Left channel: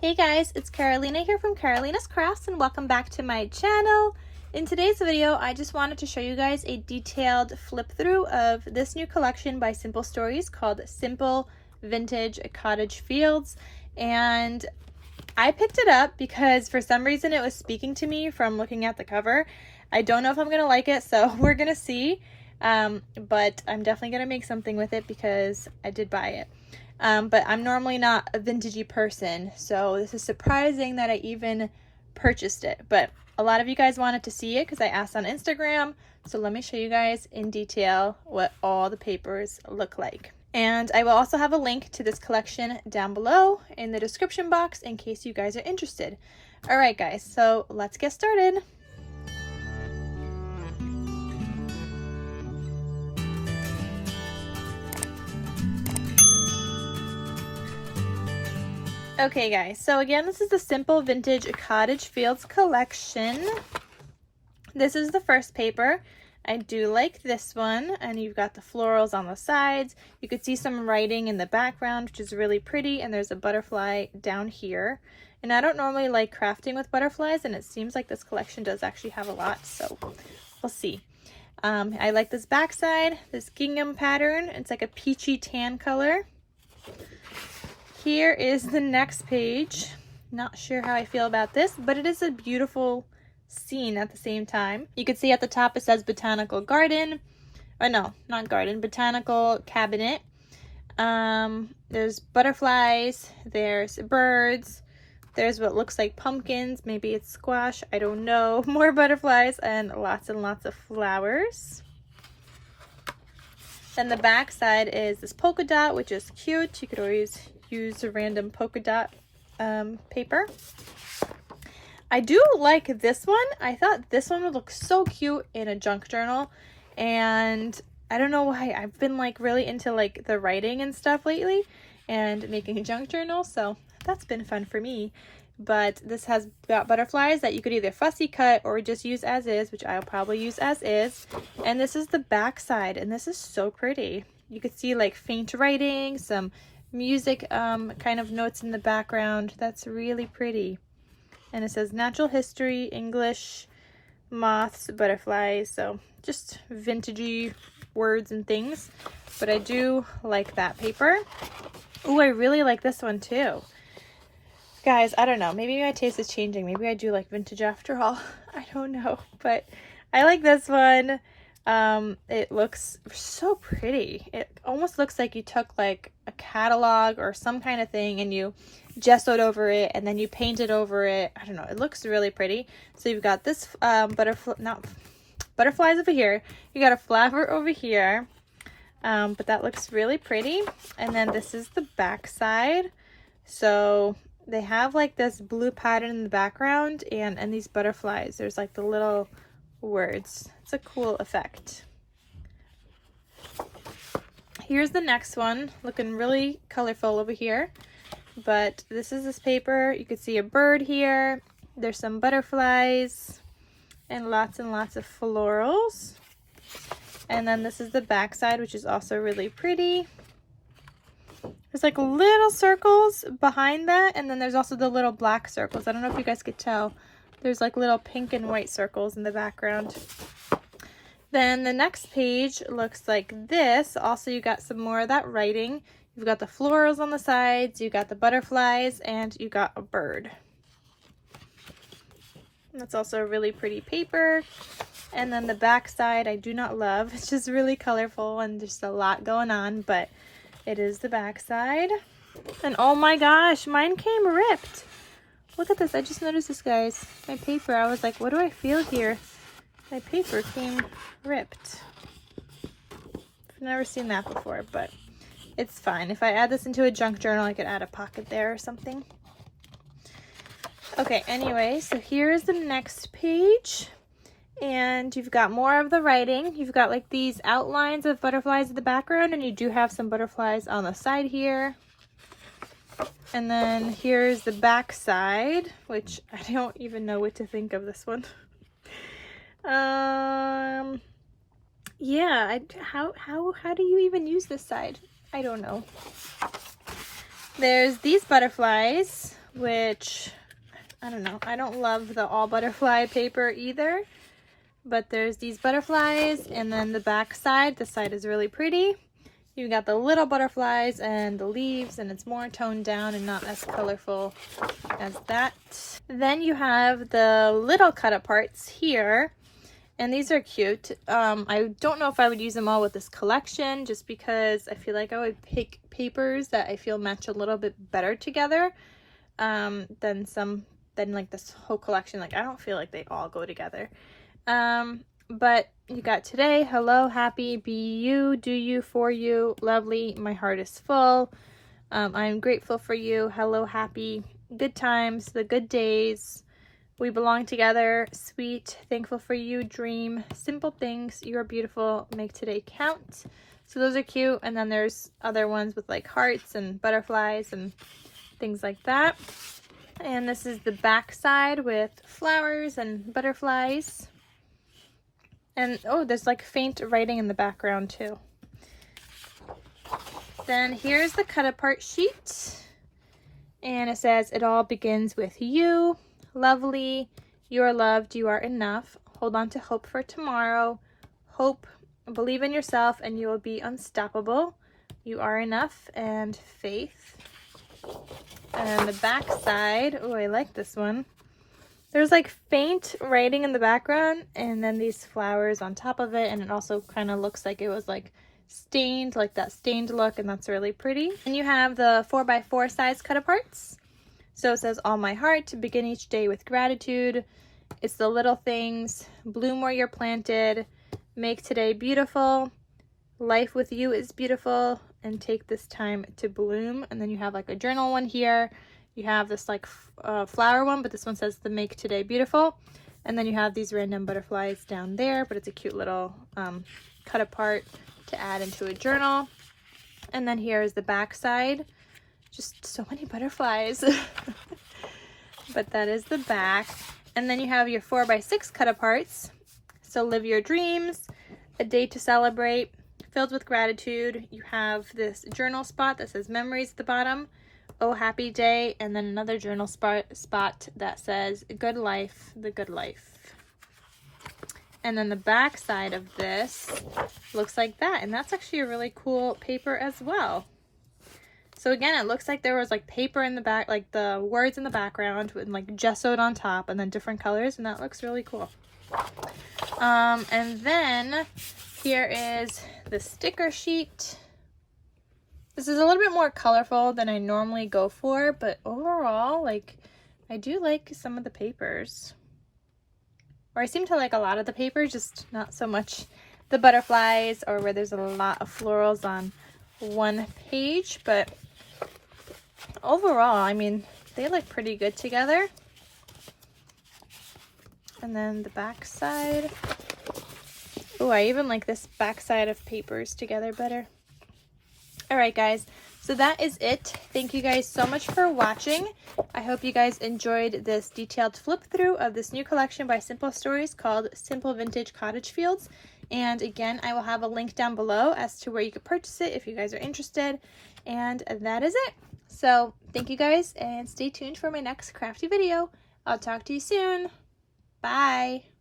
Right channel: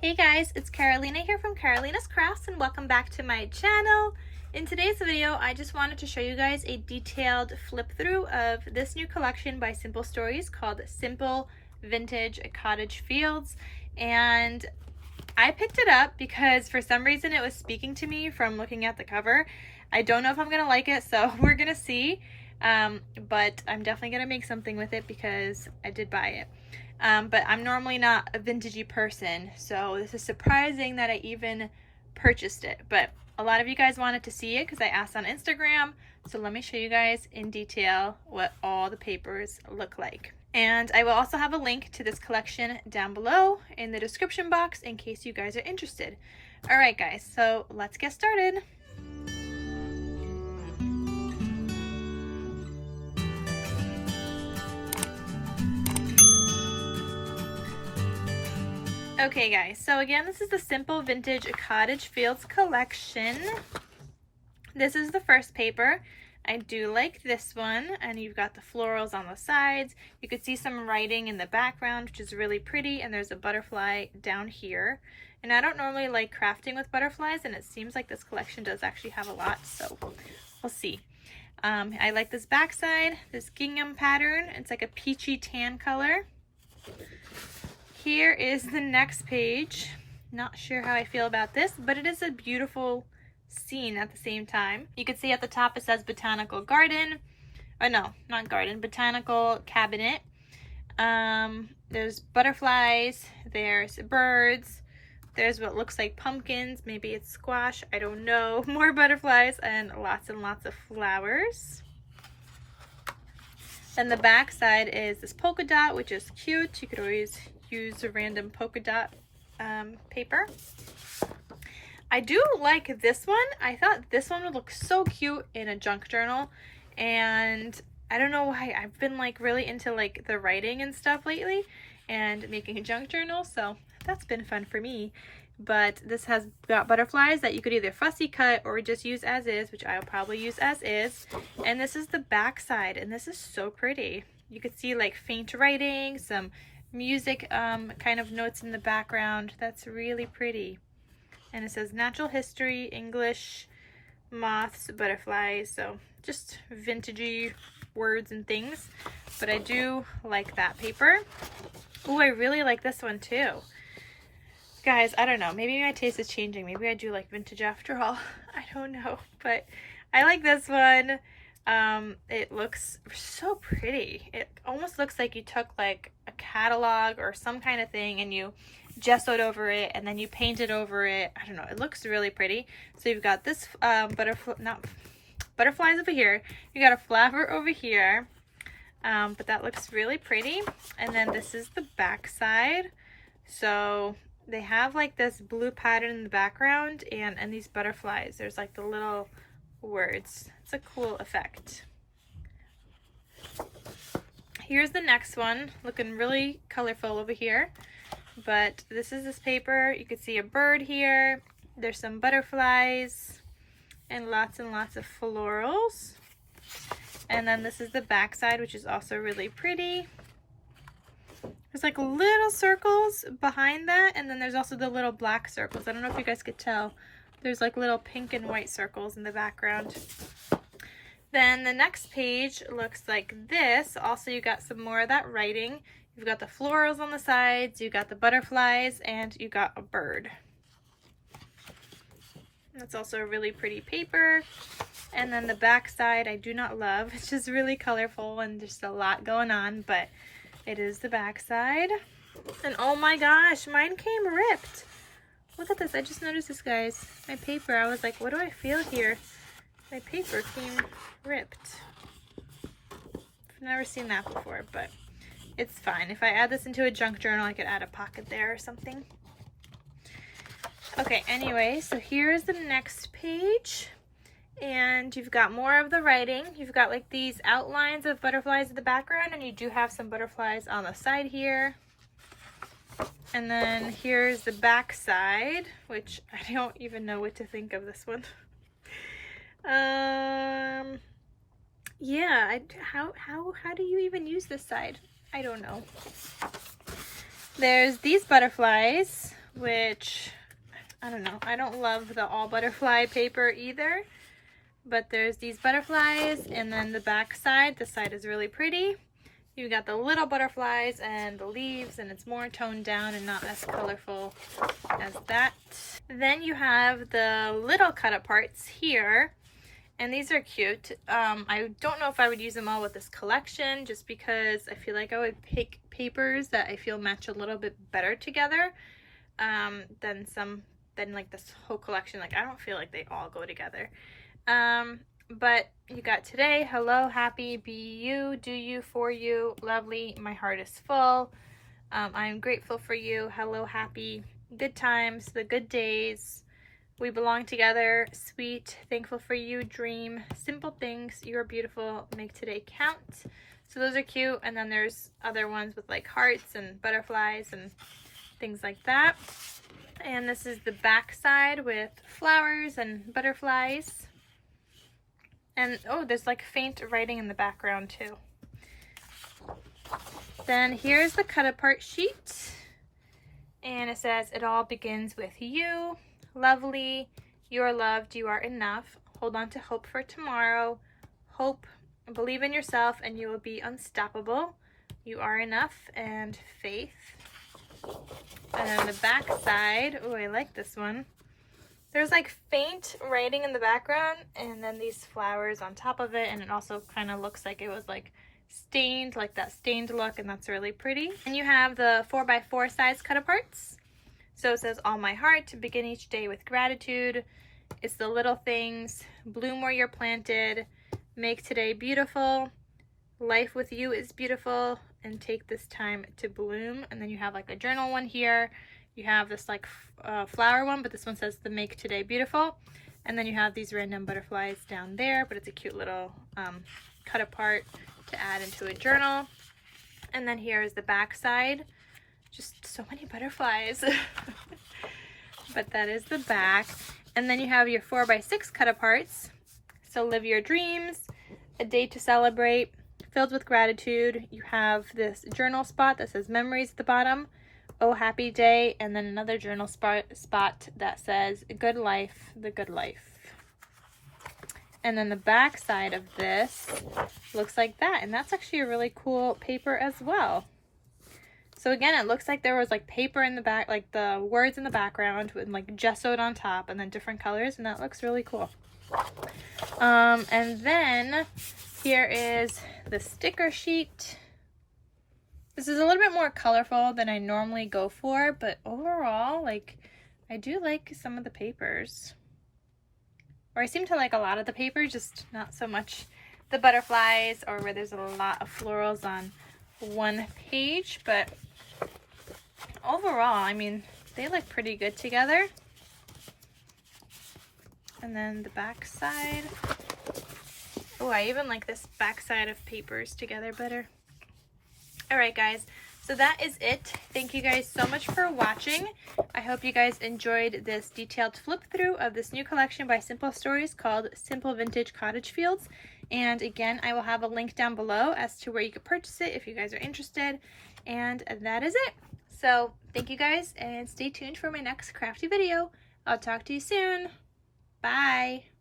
Hey guys, it's Carolina here from KarolinasKrafts and welcome back to my channel. In today's video, I just wanted to show you guys a detailed flip through of this new collection by Simple Stories called Simple Vintage Cottage Fields. And I picked it up because for some reason it was speaking to me from looking at the cover. I don't know if I'm going to like it, so we're going to see. But I'm definitely going to make something with it because I did buy it. But I'm normally not a vintagey person, so this is surprising that I even purchased it. But a lot of you guys wanted to see it because I asked on Instagram, so let me show you guys in detail what all the papers look like. And I will also have a link to this collection down below in the description box in case you guys are interested. Alright guys, so let's get started. Okay guys, so again, this is the Simple Vintage Cottage Fields collection. This is the first paper. I do like this one, and you've got the florals on the sides. You could see some writing in the background, which is really pretty, and there's a butterfly down here. And I don't normally like crafting with butterflies, and it seems like this collection does actually have a lot, so we'll see. I like this backside, this gingham pattern. It's like a peachy tan color. Here is the next page. Not sure how I feel about this, but it is a beautiful scene at the same time. You can see at the top it says botanical garden. Oh no, not garden, botanical cabinet. There's butterflies, there's birds, there's what looks like pumpkins, maybe it's squash, I don't know. More butterflies and lots of flowers. Then the back side is this polka dot, which is cute. You could always use a random polka dot paper. I do like this one. I thought this one would look so cute in a junk journal, and I don't know why. I've been like really into like the writing and stuff lately and making a junk journal, so that's been fun for me. But this has got butterflies that you could either fussy cut or just use as is, which I'll probably use as is. And this is the back side, and this is so pretty. You could see like faint writing, some music kind of notes in the background. That's really pretty. And it says natural history, English, moths, butterflies, so just vintagey words and things. But I do like that paper. Oh, I really like this one too. Guys, I don't know, maybe my taste is changing. Maybe I do like vintage after all. I don't know, but I like this one. It looks so pretty. It almost looks like you took like a catalog or some kind of thing and you gessoed over it and then you painted over it. I don't know, it looks really pretty. So you've got this butterflies over here, you got a flower over here, but that looks really pretty. And then this is the back side. So they have like this blue pattern in the background and these butterflies. There's like the little words. It's a cool effect. Here's the next one, looking really colorful over here. But this is this paper. You can see a bird here. There's some butterflies and lots of florals. And then this is the back side, which is also really pretty. There's like little circles behind that, and then there's also the little black circles. I don't know if you guys could tell. There's like little pink and white circles in the background. Then the next page looks like this. Also, you got some more of that writing. You've got the florals on the sides, you got the butterflies, and you got a bird. That's also a really pretty paper. And then the back side I do not love. It's just really colorful and just a lot going on, but it is the back side. And oh my gosh, mine came ripped. Look at this. I just noticed this, guys. My paper, I was like, what do I feel here? My paper came ripped. I've never seen that before, but it's fine. If I add this into a junk journal, I could add a pocket there or something. Okay, anyway, so here's the next page. And you've got more of the writing. You've got like these outlines of butterflies in the background, and you do have some butterflies on the side here. And then here's the back side, which I don't even know what to think of this one. Yeah, how do you even use this side? I don't know. There's these butterflies, which I don't know. I don't love the all butterfly paper either, but there's these butterflies, and then the back side, the side is really pretty. You've got the little butterflies and the leaves, and it's more toned down and not as colorful as that. Then you have the little cut up parts here, and these are cute. I don't know if I would use them all with this collection, just because I feel like I would pick papers that I feel match a little bit better together than like this whole collection. Like, I don't feel like they all go together. But you got today, hello, happy, be you, do you, for you, lovely, my heart is full, I'm grateful for you, hello, happy, good times, the good days, we belong together, sweet, thankful for you, dream, simple things, you're beautiful, make today count. So those are cute. And then there's other ones with like hearts and butterflies and things like that. And this is the back side with flowers and butterflies. And oh, there's like faint writing in the background too. Then here's the cut apart sheet. And it says, it all begins with you. Lovely. You are loved. You are enough. Hold on to hope for tomorrow. Hope. Believe in yourself and you will be unstoppable. You are enough. And faith. And on the back side, oh, I like this one. There's like faint writing in the background and then these flowers on top of it, and it also kind of looks like it was like stained, like that stained look, and that's really pretty. And you have the 4x4 size cut aparts. So it says, all my heart, begin each day with gratitude. It's the little things, bloom where you're planted, make today beautiful, life with you is beautiful, and take this time to bloom. And then you have like a journal one here. You have this like flower one, but this one says the make today beautiful. And then you have these random butterflies down there, but it's a cute little cut apart to add into a journal. And then here's the back side. Just so many butterflies. But that is the back. And then you have your 4x6 cut aparts. So live your dreams, a day to celebrate, filled with gratitude. You have this journal spot that says memories at the bottom. Oh, happy day, and then another journal spot that says good life, the good life. And then the back side of this looks like that, and that's actually a really cool paper as well. So again, it looks like there was like paper in the back, like the words in the background with like gessoed on top, and then different colors, and that looks really cool. And then here is the sticker sheet. This is a little bit more colorful than I normally go for, but overall, like, I do like some of the papers. Or I seem to like a lot of the papers, just not so much the butterflies or where there's a lot of florals on one page. But overall, I mean, they look pretty good together. And then the back side. Oh, I even like this back side of papers together better. Alright guys, so that is it. Thank you guys so much for watching. I hope you guys enjoyed this detailed flip through of this new collection by Simple Stories called Simple Vintage Cottage Fields. And again, I will have a link down below as to where you could purchase it if you guys are interested. And that is it. So thank you guys, and stay tuned for my next crafty video. I'll talk to you soon. Bye.